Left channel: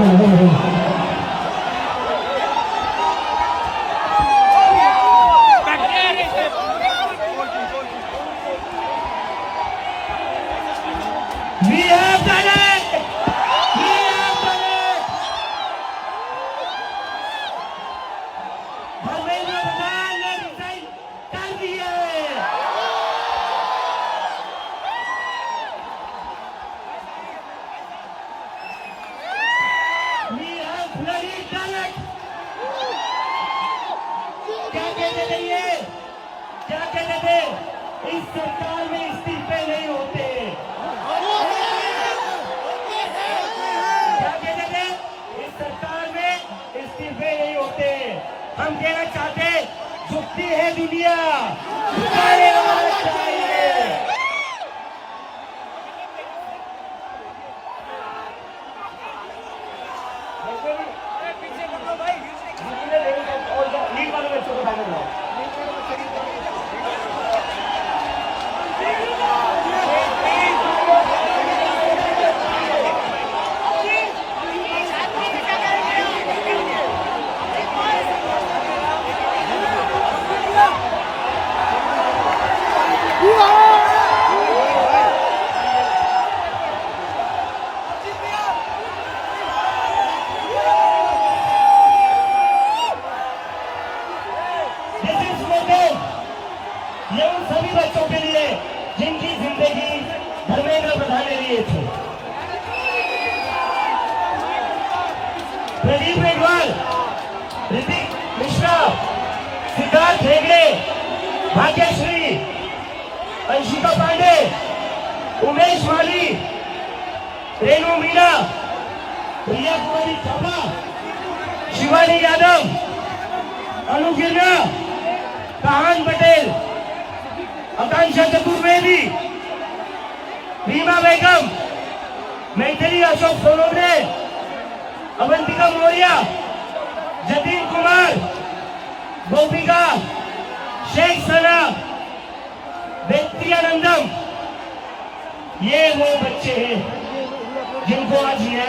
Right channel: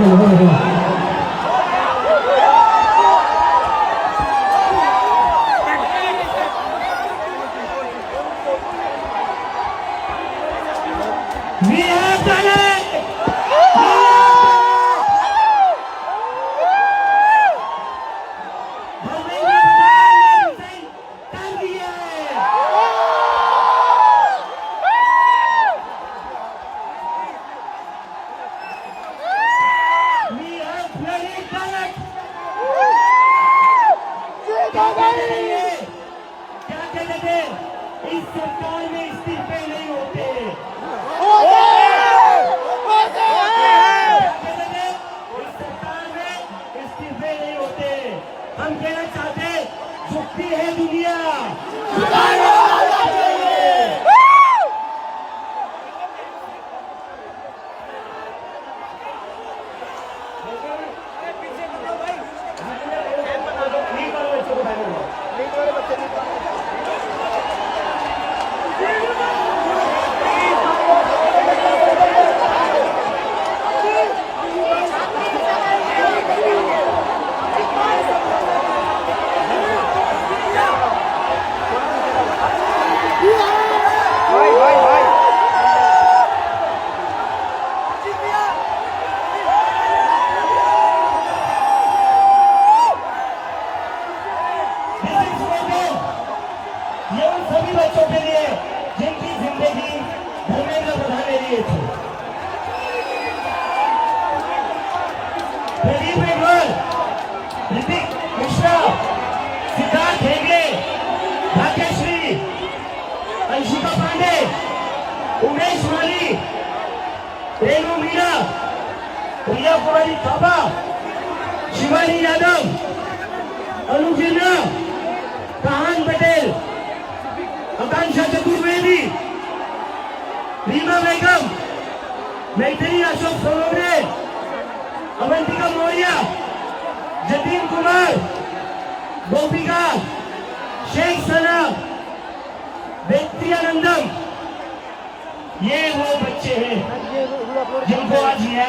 We have done it! We have done it! Dharmendra प्रधान ने रिजाइन कर दिए। We have bloody done it! क्या कहते थे ये? क्या कहते थे? इस सरकार में इस्तीफे नहीं होते। हम कहना चाहते झुकती है दुनिया, झुकाने वाला चाहिए। ये उन सभी बच्चों के लिए जिनकी जिंदगी धर्मेंद्र प्रधान ने लिए थे। प्रदीप मेघवाल, ऋतिक मिश्रा, सिद्धार्थ हेगड़े, भाग्यश्री, अंशिका पांडे, उमेश माली, रेणु मीना, प्रिया कुमारी चौबा, शिवानी यादव, अनु गिरना, कहान पटेल, आकांक्षा चतुर्वेदी, रीमा बेगम, मैथिली अशोक सोनवणे, अवंतिका मौर्य, जतीन कुमार, गोपिका, शेख सना, व्यक्ति आनंदम, ये वो बच्चे हैं